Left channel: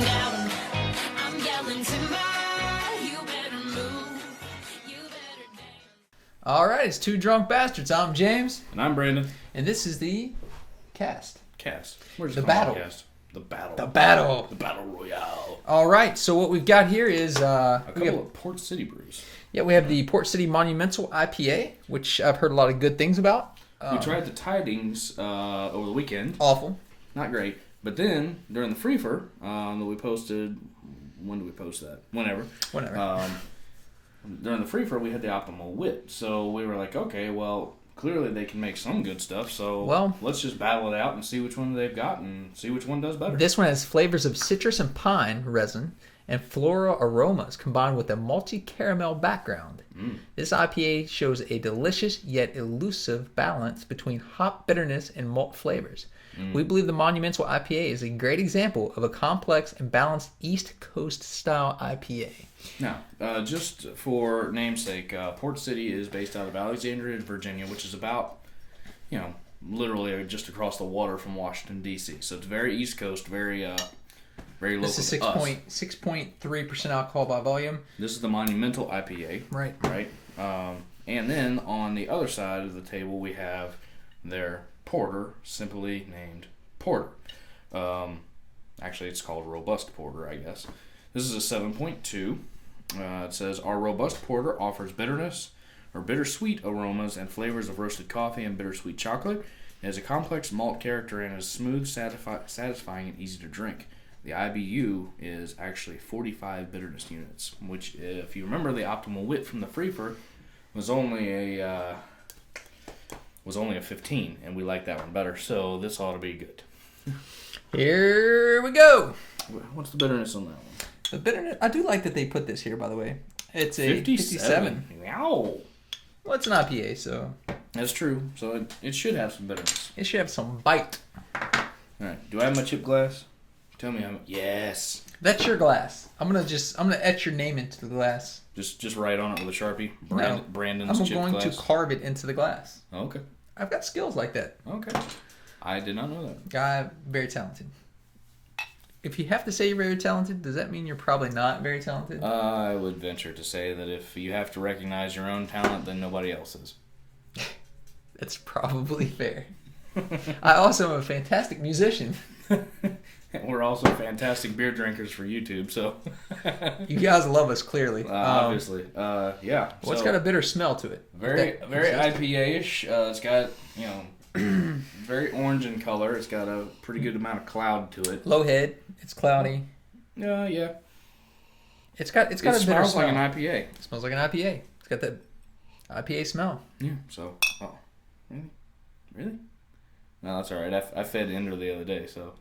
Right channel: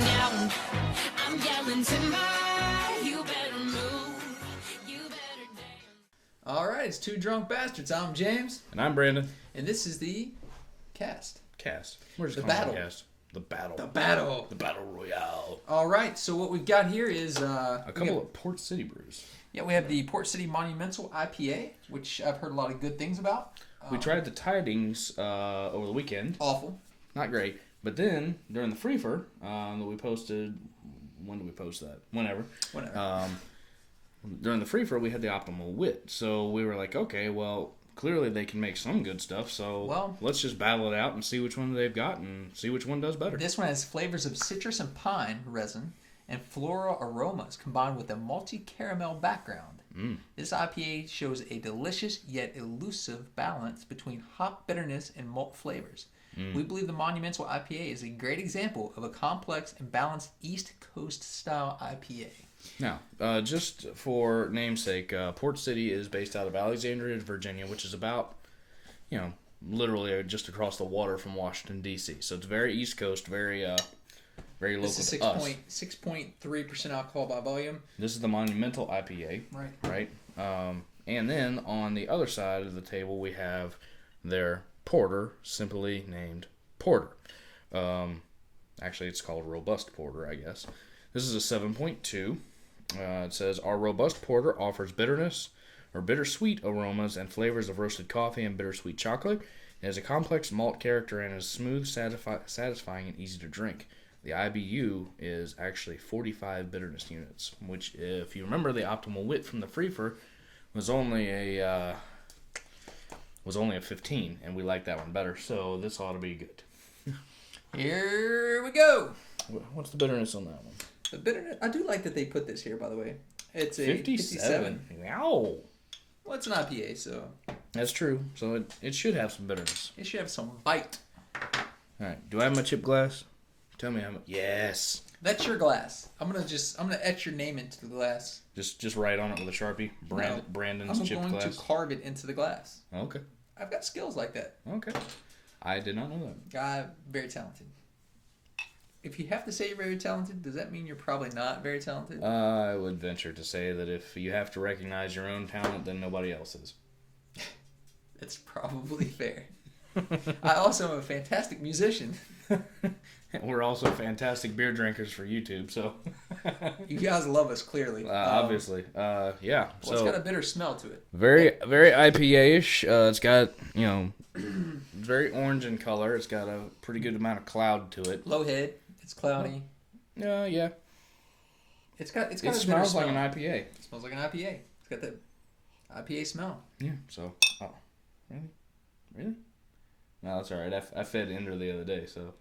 going down. I'm yelling timber. You better move. You better dance. All right, it's Two Drunk Bastards. I'm James, And I'm Brandon. and this is the cast. Where's The battle. The battle. The battle. The battle royale. All right, so what we've got here is A couple of Port City Brews. we have the Port City Monumental IPA, which I've heard a lot of good things about. We tried the Tidings over the weekend. Awful. Not great. But then, during the Freefer that we posted... When did we post that? Whenever. During the Freefer, we had the Optimal Wit. So we were like, okay, well, clearly they can make some good stuff. So let's just battle it out and see which one they've got and see which one does better. This one has flavors of citrus and pine resin and floral aromas combined with a malty caramel background. This IPA shows a delicious yet elusive balance between hop bitterness and malt flavors. We believe the Monumental IPA is a great example of a complex and balanced East Coast style IPA. Now, just for namesake, Port City is based out of Alexandria, Virginia, which is about, literally just across the water from Washington, D.C. So it's very East Coast, very local. This is 6.3% alcohol by volume. This is the Monumental IPA. Right. And then on the other side of the table, we have their porter, simply named Porter. Actually, it's called Robust Porter, I guess. This is a 7.2. It says, our Robust Porter offers bitterness or bittersweet aromas and flavors of roasted coffee and bittersweet chocolate. It has a complex malt character and is smooth, satisfying, and easy to drink. The IBU is actually 45 bitterness units, which, if you remember the Optimal Wit from the Freefer, was only a 15, and we like that one better. So this ought to be good. Here we go. What's the bitterness on that one? The bitterness. I do like that they put this here, by the way. It's a 57. Wow. Well, it's an IPA, so That's true. So it should have some bitterness. it should have some bite. All right. Do I have my chip glass? Tell me how. Yes. That's your glass. I'm gonna etch your name into the glass. Just write on it with a Sharpie. No, Brandon's I'm chip going glass. to carve it into the glass. Okay. I've got skills like that. Okay. I did not know that. I'm very talented. If you have to say you're very talented, does that mean you're probably not very talented? I would venture to say that if you have to recognize your own talent, then nobody else is. That's probably fair. I also am a fantastic musician. We're also fantastic beer drinkers for YouTube, so. You guys love us, clearly. Obviously. Yeah. Well, it's got a bitter smell to it. Very IPA-ish. It's got, very orange in color. It's got a pretty good amount of cloud to it. Low head. It's cloudy. Yeah. It's got a bitter smells smell. like an IPA. It smells like an IPA. It's got that IPA smell. Yeah, so. Oh. Really? No, that's all right. I fed Ender the other day, so.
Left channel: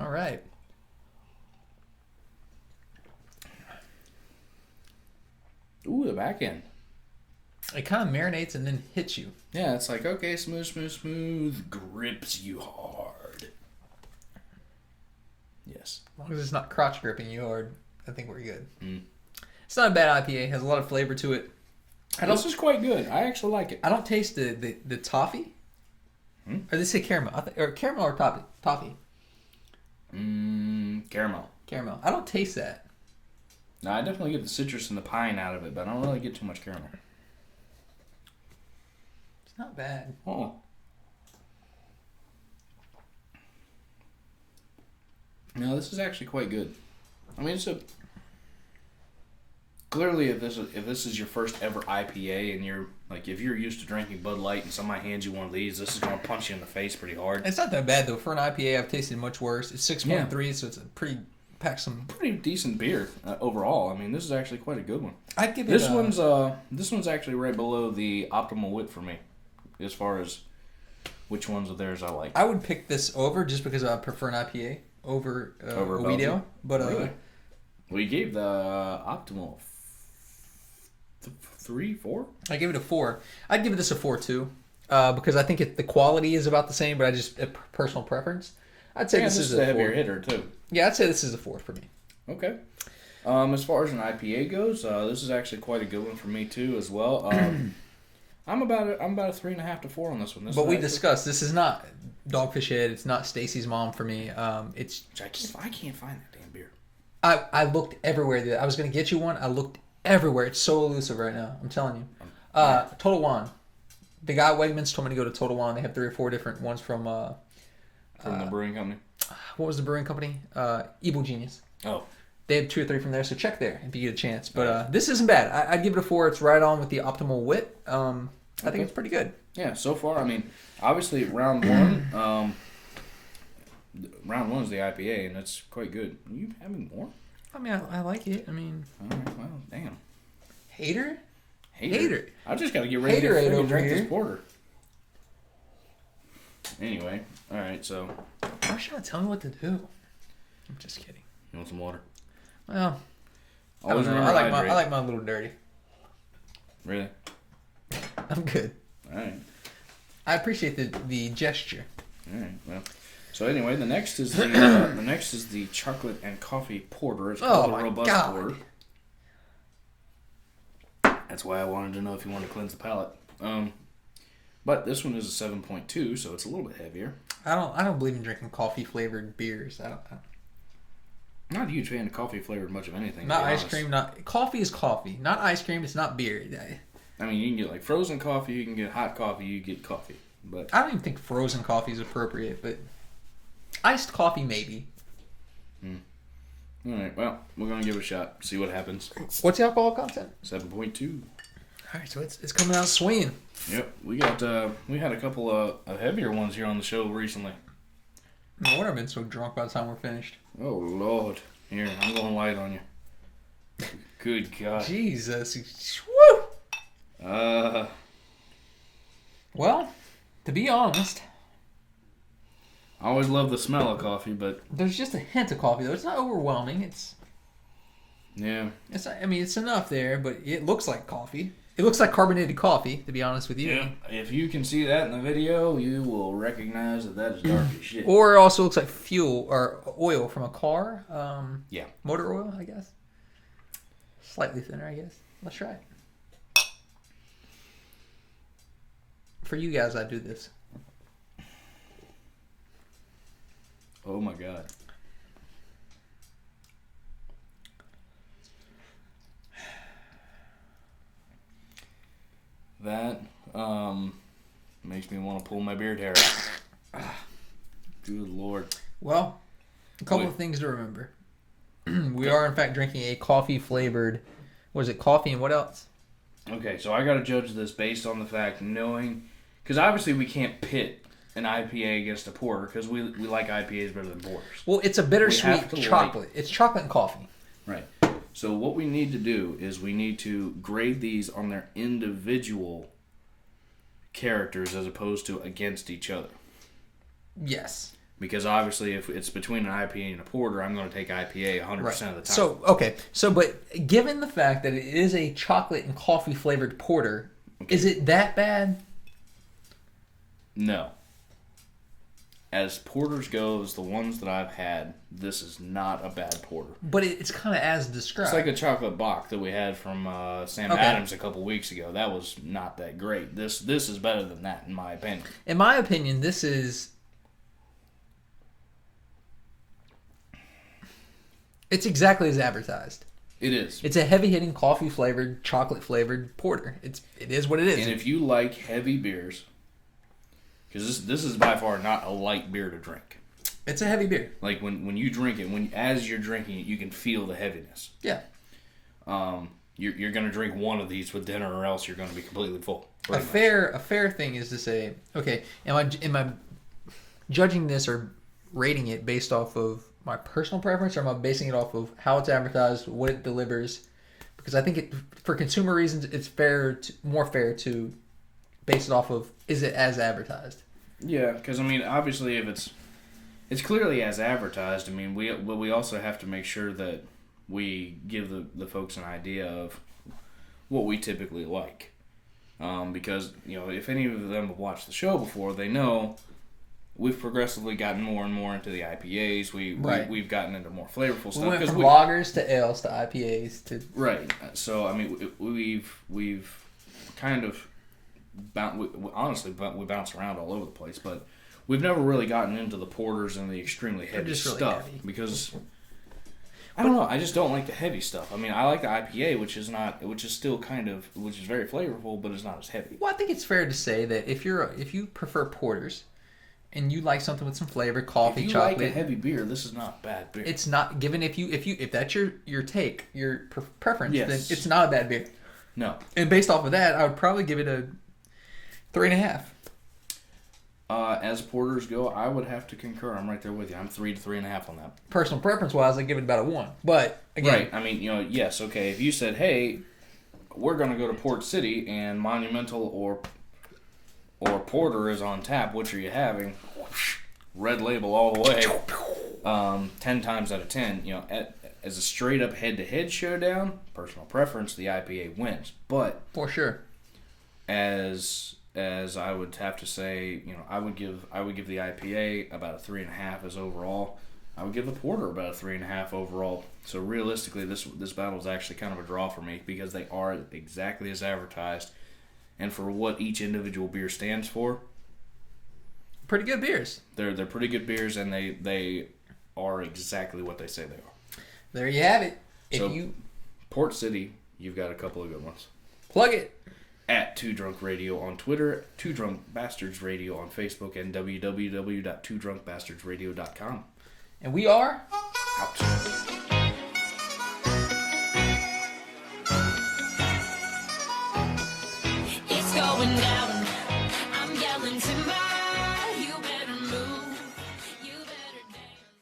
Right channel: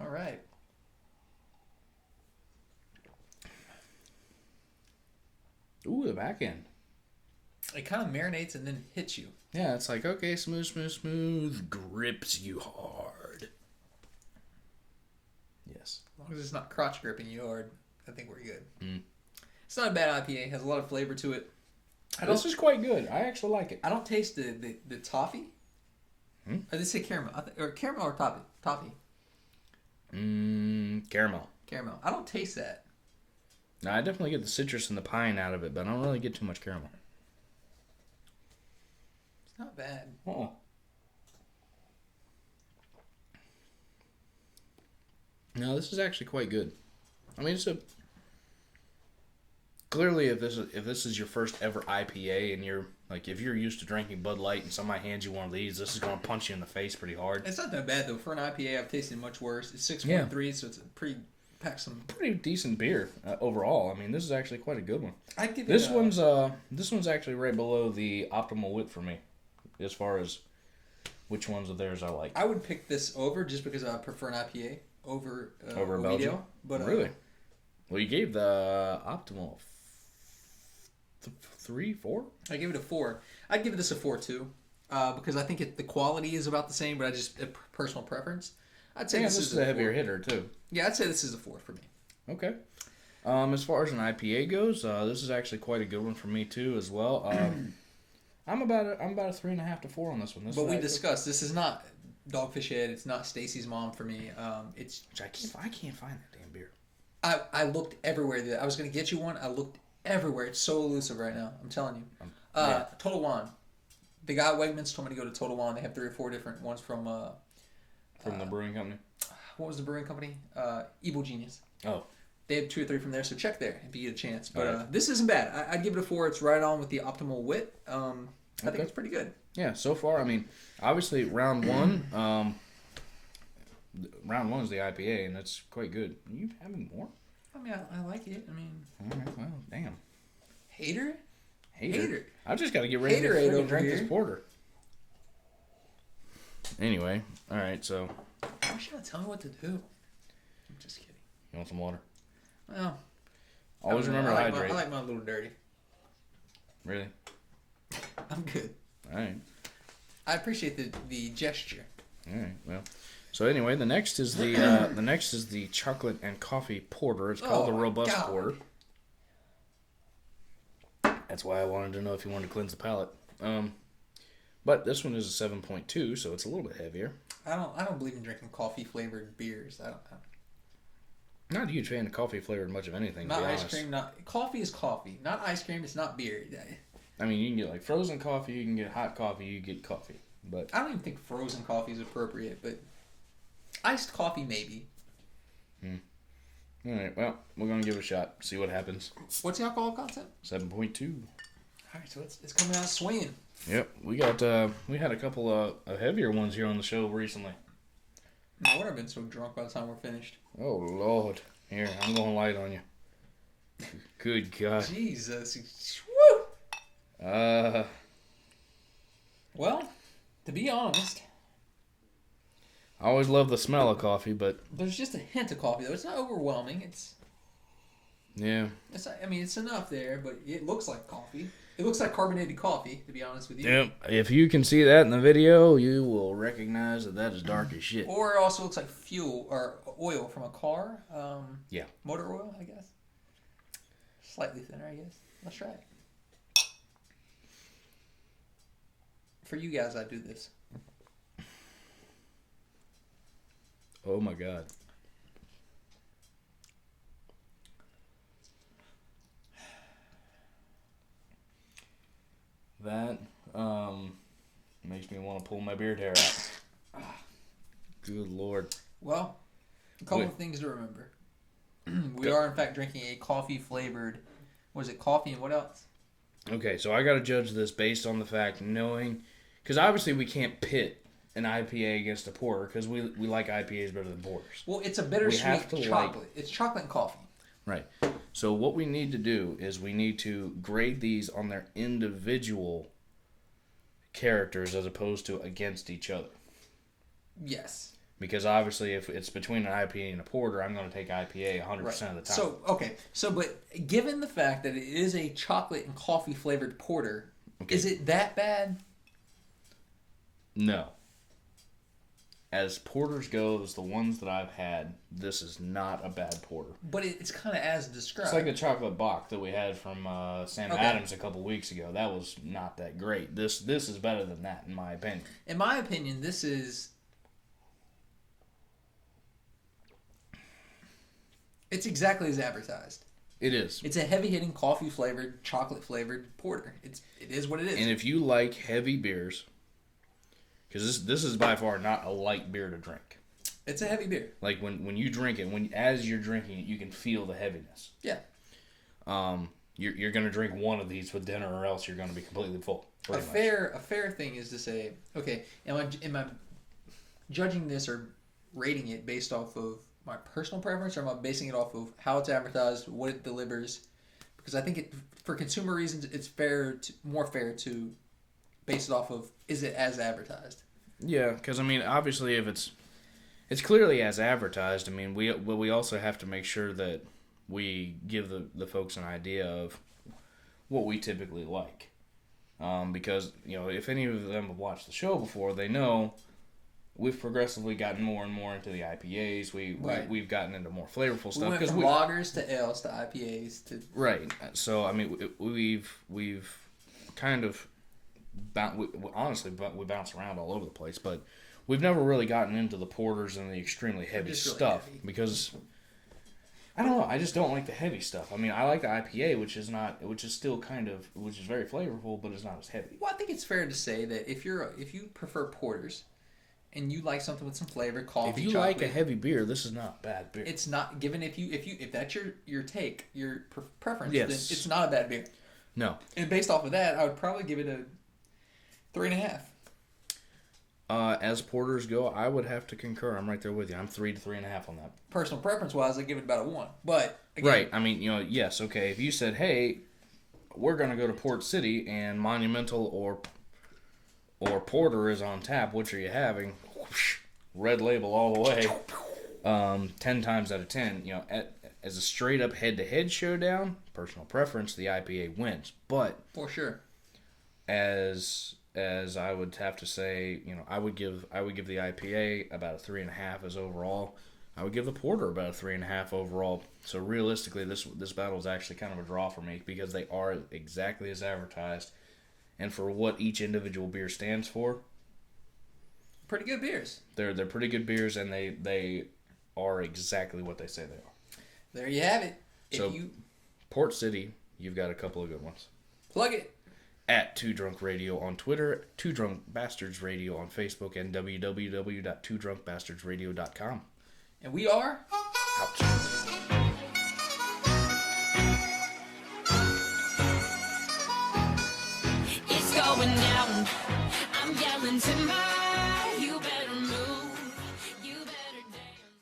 All right. Ooh, the back end. It kind of marinates and then hits you. Yeah, it's like, okay, smooth, grips you hard. Yes. As long as it's not crotch gripping you hard, I think we're good. It's not a bad IPA. It has a lot of flavor to it. This is quite good. I actually like it. I don't taste the toffee. Or they say caramel. Or caramel or toffee. Caramel. Caramel. I don't taste that. No, I definitely get the citrus and the pine out of it, but I don't really get too much caramel. It's not bad. Oh. No, this is actually quite good. I mean, clearly, if this is your first ever IPA, and you're like, if you're used to drinking Bud Light and somebody hands you one of these, this is gonna punch you in the face pretty hard. It's not that bad though. For an IPA, I've tasted much worse. It's 6.3, so it's a pretty decent beer overall. I mean, this is actually quite a good one. I'd give it. This one's actually right below the Optimal Wit for me, as far as which ones of theirs I like. I would pick this over just because I prefer an IPA over Belgium. But really? Well, you gave the Optimal 3, 4? I give it a 4. I'd give this a 4 too, because I think the quality is about the same, but I just personal preference. I'd say this is a heavier 4. hitter too. Yeah, I'd say this is a 4 for me. Okay. As far as an IPA goes, this is actually quite a good one for me too as well. I'm about a 3.5 to 4 on this one. But we discussed this is not Dogfish Head. It's not Stacy's Mom for me. It's I can't find that damn beer. I looked everywhere. I was gonna get you one. I looked everywhere. It's so elusive right now. I'm telling you. Total Wine. The guy at Wegmans told me to go to Total Wine. They have 3 or 4 different ones from the brewing company. What was the brewing company? Evil Genius. Oh. They have 2 or 3 from there, so check there if you get a chance. But this isn't bad. I'd give it a 4. It's right on with the optimal wit. I think it's pretty good. Yeah, so far, I mean, obviously round 1, round 1 is the IPA, and it's quite good. Are you having more? I mean, I like it. I mean, Well, damn. Hater. I just got to get ready to Haterade drink here. this porter. Anyway, all right, so. Why should I tell me what to do? I'm just kidding. You want some water? Well, I Always don't know. remember I to hydrate. like mine a little dirty. Really? I'm good. All right. I appreciate the gesture. All right. Well, so anyway, the next is the chocolate and coffee porter. It's called Oh a my robust God. porter. That's why I wanted to know if you want to cleanse the palate. But this one is a 7.2, so it's a little bit heavier. I don't believe in drinking coffee flavored beers. I'm not a huge fan of coffee flavored much of anything. Not to be ice honest. cream. Not coffee is coffee. Not ice cream. It's not beer. I mean, you can get like frozen coffee, you can get hot coffee, you get coffee. But I don't even think frozen coffee is appropriate, but iced coffee maybe. all right, well, we're gonna give it a shot. See what happens. What's the alcohol content? 7.2. All right, so it's coming out swinging. Yep, we had a couple of heavier ones here on the show recently. No wonder I've been so drunk by the time we're finished. Oh Lord, here I'm going light on you. Good God. Jesus. Woo! Well, to be honest, I always love the smell of coffee, but there's just a hint of coffee though. It's not overwhelming. It's yeah. not, I mean, it's enough there, but it looks like coffee. It looks like carbonated coffee, to be honest with you. Yeah, if you can see that in the video, you will recognize that is dark as shit. Or it also looks like fuel or oil from a car. Yeah. Motor oil, I guess. Slightly thinner, I guess. Let's try it. For you guys, I do this. Oh my God. That makes me want to pull my beard hair out. Good Lord. Well, a couple of things to remember. We are, in fact, drinking a coffee-flavored... What is it? Coffee and what else? Okay, so I got to judge this based on the fact knowing... Because obviously we can't pit an IPA against a porter because we like IPAs better than porters. Well, it's a have bittersweet to chocolate. It's chocolate and coffee. Right. So what we need to do is we need to grade these on their individual characters as opposed to against each other. Yes. Because obviously if it's between an IPA and a porter, I'm going to take IPA 100% Right. of the time. So, okay. So, but given the fact that it is a chocolate and coffee-flavored porter, is it that bad? No. As porters goes, the ones that I've had, this is not a bad porter. But it's kind of as described. It's like the chocolate bock that we had from Sam Adams a couple weeks ago. That was not that great. This is better than that, in my opinion. In my opinion, this is... It's exactly as advertised. It is. It's a heavy-hitting, coffee-flavored, chocolate-flavored porter. It is what it is. And if you like heavy beers, because this is by far not a light beer to drink. It's a heavy beer. Like when you drink it, as you're drinking it, you can feel the heaviness. Yeah. You're going to drink one of these with dinner, or else you're going to be completely full. A fair thing is to say, okay, am I judging this or rating it based off of my personal preference, or am I basing it off of how it's advertised, what it delivers? Because I think for consumer reasons, it's more fair to base it off of, is it as advertised? Yeah, because I mean, obviously, if it's clearly as advertised. I mean, we also have to make sure that we give the folks an idea of what we typically like, because if any of them have watched the show before, they know we've progressively gotten more and more into the IPAs. We've gotten into more flavorful stuff. We went from lagers to ales to IPAs to... Right. So I mean, we've kind of honestly, we bounce around all over the place, but we've never really gotten into the porters and the extremely heavy just really stuff heavy. because I don't know. I just don't like the heavy stuff. I mean, I like the IPA, which is still which is very flavorful, but it's not as heavy. Well, I think it's fair to say that if you prefer porters and you like something with some flavor, coffee, If you chocolate, like a heavy beer, this is not bad beer. it's not given if that's your take, your preference, Yes. then it's not a bad beer. No. And based off of that, I would probably give it a 3.5. As porters go, I would have to concur. I'm right there with you. I'm 3 to 3.5 on that. Personal preference wise, I give it about a 1. But again, Right. I mean, yes, okay. If you said, hey, we're going to go to Port City and Monumental or Porter is on tap, which are you having? Red Label all the way. 10 times out of 10, as a straight up head to head showdown, personal preference, the IPA wins. But for sure, as I would have to say, I would give the IPA about a 3.5 as overall. I would give the porter about a 3.5 overall. So realistically, this battle is actually kind of a draw for me because they are exactly as advertised, and for what each individual beer stands for, pretty good beers. they're pretty good beers, and they are exactly what they say they are. There you have it. So Port City, you've got a couple of good ones. Plug it. At Two Drunk Radio on Twitter, Two Drunk Bastards Radio on Facebook, and www.twodrunkbastardsradio.com. And we are Out. It's going down. I'm yelling timber.